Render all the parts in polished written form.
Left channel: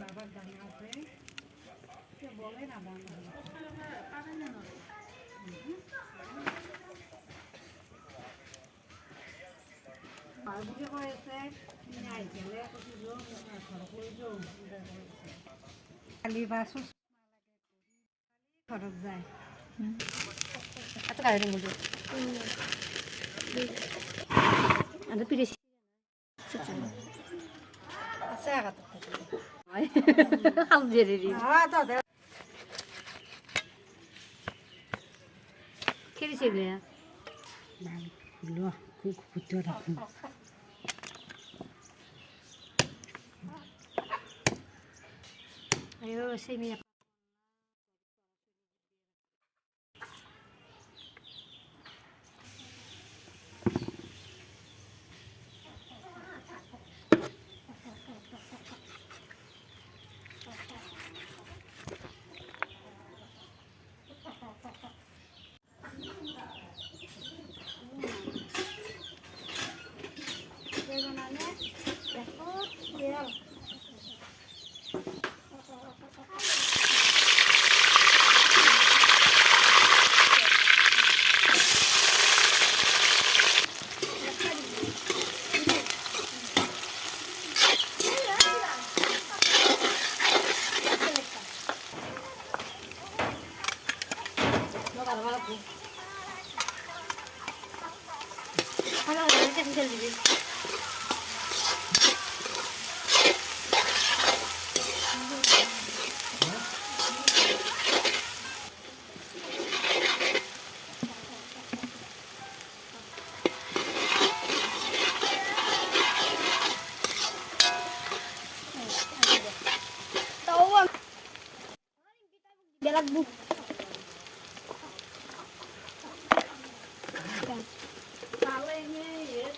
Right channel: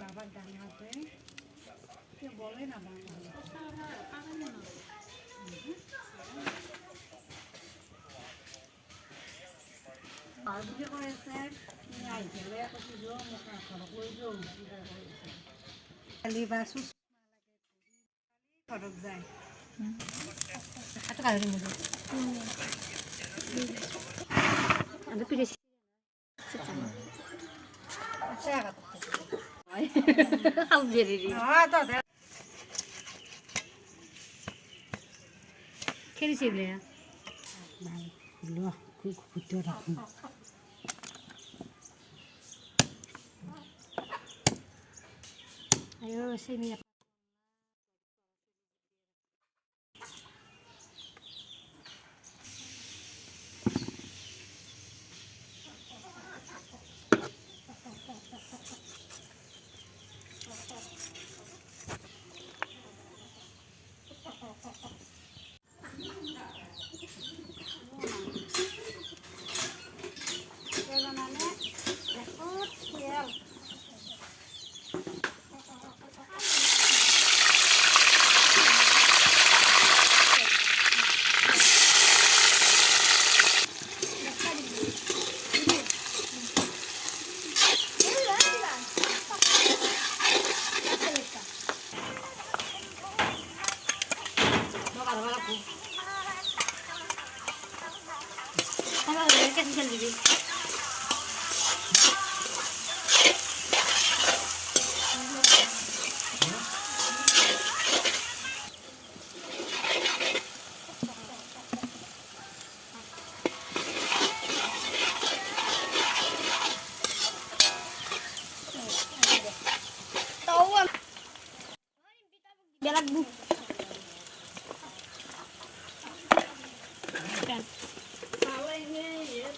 বাবার গানে আছে কেউ বলে না বাংলা বুঝে করেছে আইকেলে এত কিছু খরচ লইছো খালি বা সুস খরচ যায় এত কারে মধ্যে আগে পিড়ে আচ্ছা আলজেরি হ্যাঁ তো খেলিছে বলে ভালো লো খুব খুঁজতে রাখুন ayo sini ya Halo, kasih selfie. Tahu ah. Jalan bu. Kan. Kalau ini ya.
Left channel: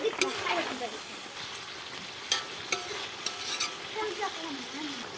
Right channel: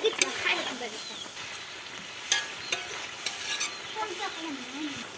되겠다. 하얗게 되겠다. 깜짝이야.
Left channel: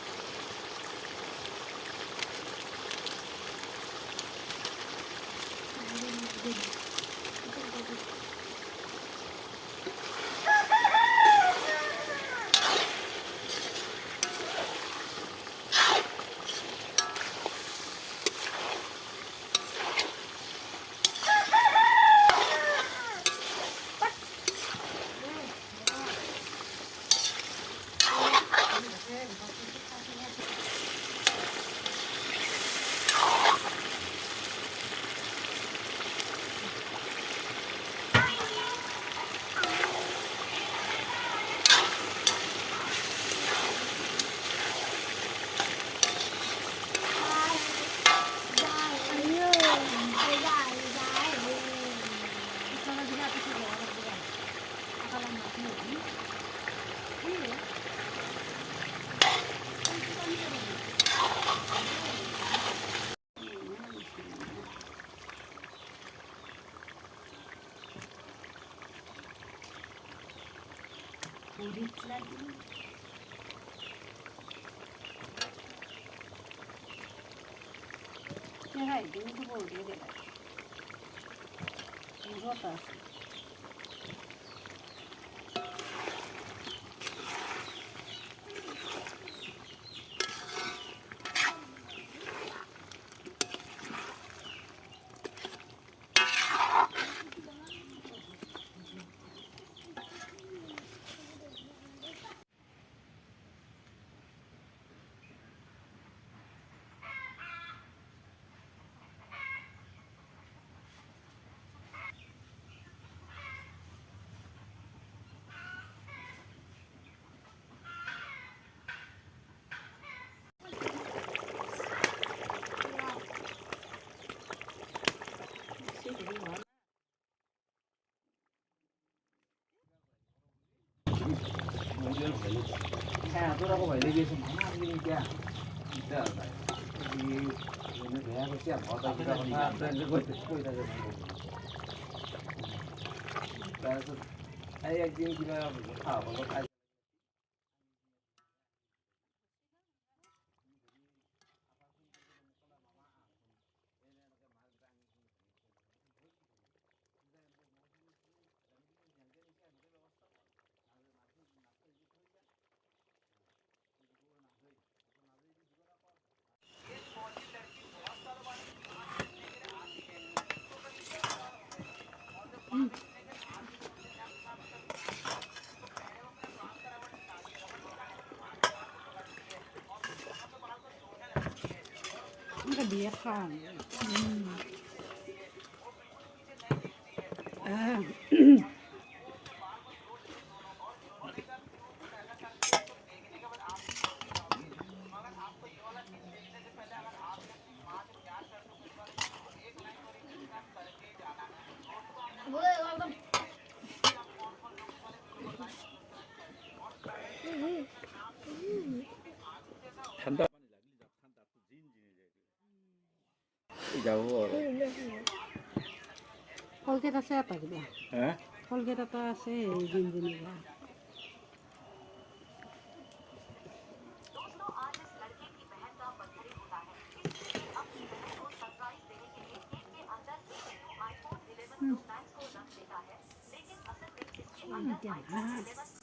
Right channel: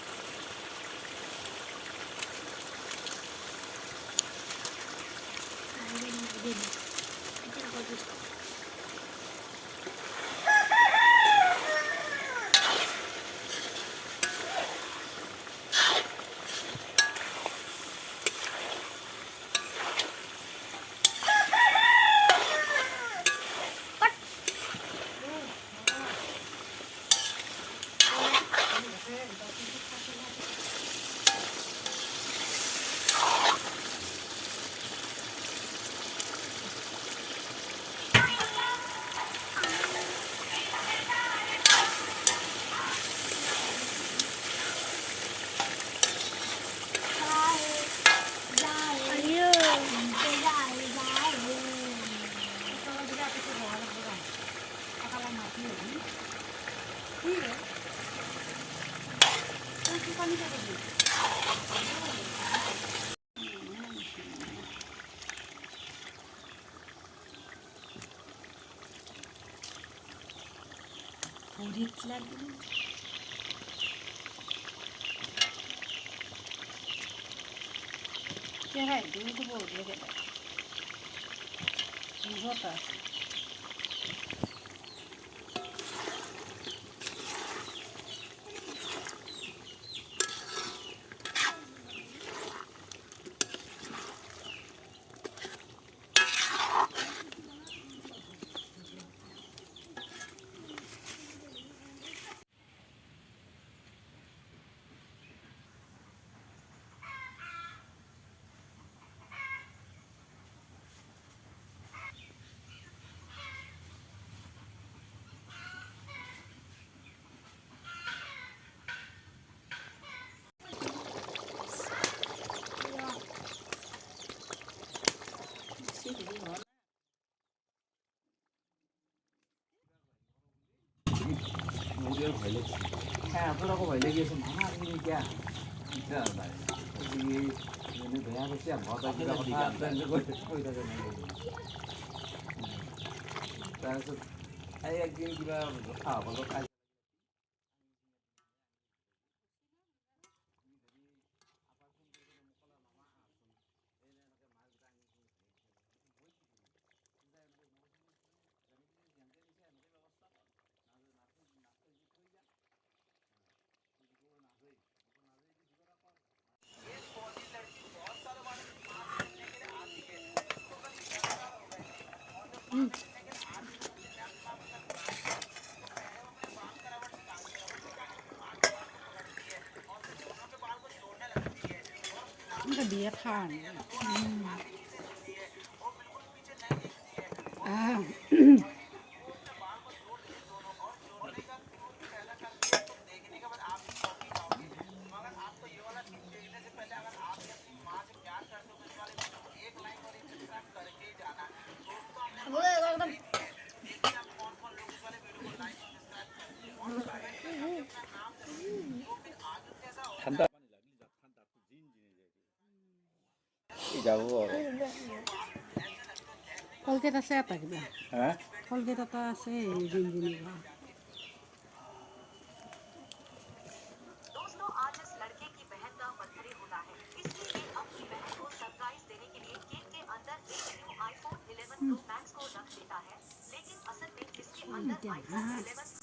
보리쌀 제가 누구 보게 돼. 누구 봤어? tôi phải lấy cái súng thang đi kia, giờ này thì mình phải ăn cái xe họ tay cái gì làm tên nó quay ra đây này, ai cái gì mà thảo vào cáiมันก็เดียข้างอ้าว 산다. 이자고. 콜게타 세다 그래. 아? 콜게타 세 진진이가. दोस्तों आज इस लड़के की बहन का birthday होता है इसलिए अपनी बहन को सरप्राइज देने के लिए केक के अंदर एक न्यू iPhone 11 Pro Max को रख देता है लेकिन असल में इसके अंदर iPhone 11